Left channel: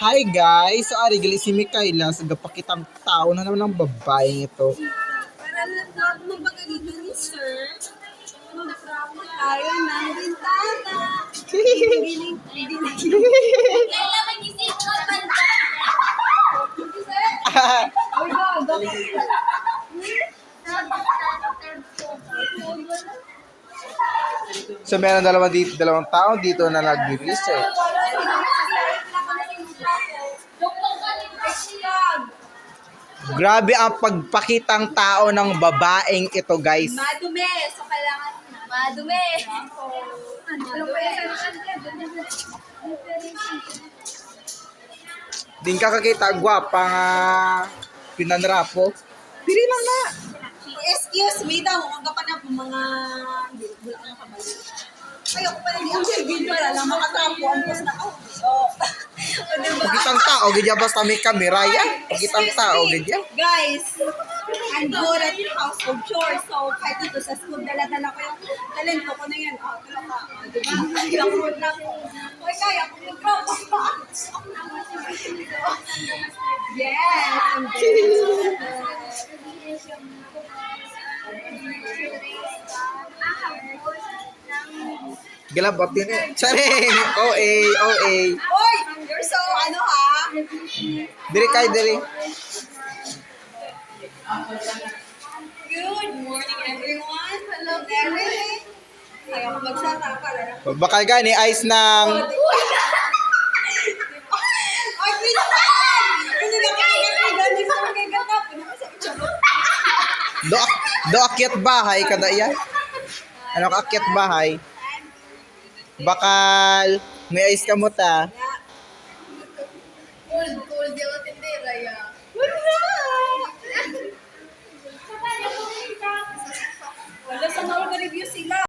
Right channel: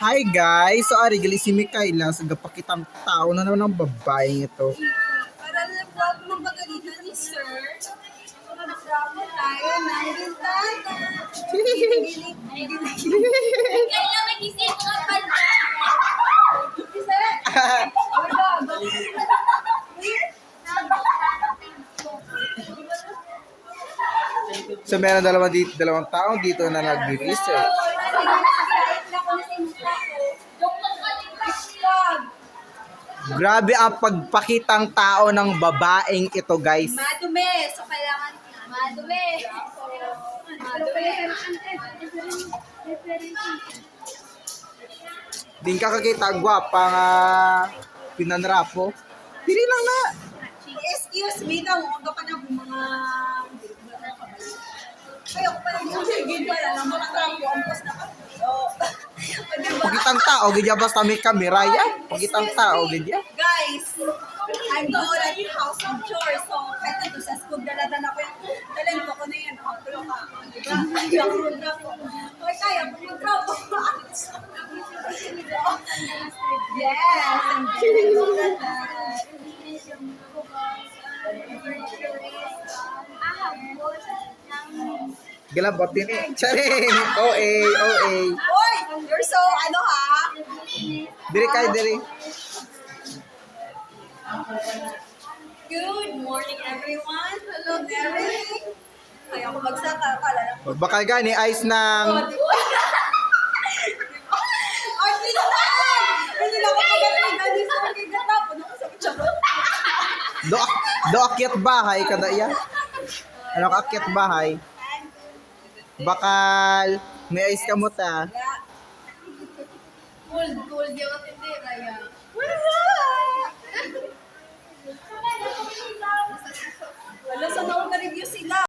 Hi guys! So ari gali si Mikaela sa gapakitang tao na naman ng babaeng ito. Para nag-vlog mo ba kanina ni Sir? Kung nag-vlog mo tayo ng bintana. Kailan nag-isip ko banda? So meron dalawang tao dito na nag-research. Grabe ang pagpakitang tao ng babaeng ito guys. Madumi. So, kailangan madumi. Din ka kakita gwapa nga pinanrapo. Diri lang na. Excuse me daw. Ang pa na mga ayoko pa rin ang video lang makatrapo ang post na ako. Pagitang tao gidya basta may kamera ya. Pagitang tao gidya. Guys, I'm good at household chores. So, kahit ito sa school, dala-dala ko yung talento ko na yan. O, tulong ka. Diba? Kaya ko na ako. Okay, kaya ko mag-trapo. Yes! I'm good. Gilabot din eh. Charing! OA, OA. Oy! You're so, ano ha? Diri kay diri. Good morning, everyone. Hello, everything. Kaya ko magsaka pala na. Bakal gani ice ng Ay, pinahan! Hindi na ako magkakailan ni Sir kay Gatapon. Ano sa charot? do akyat bahay kada iya. Ano ka akyat bahay? Bakal may ice ka mo ta. Cold, di ako tindera ya. Wala sa na review sila.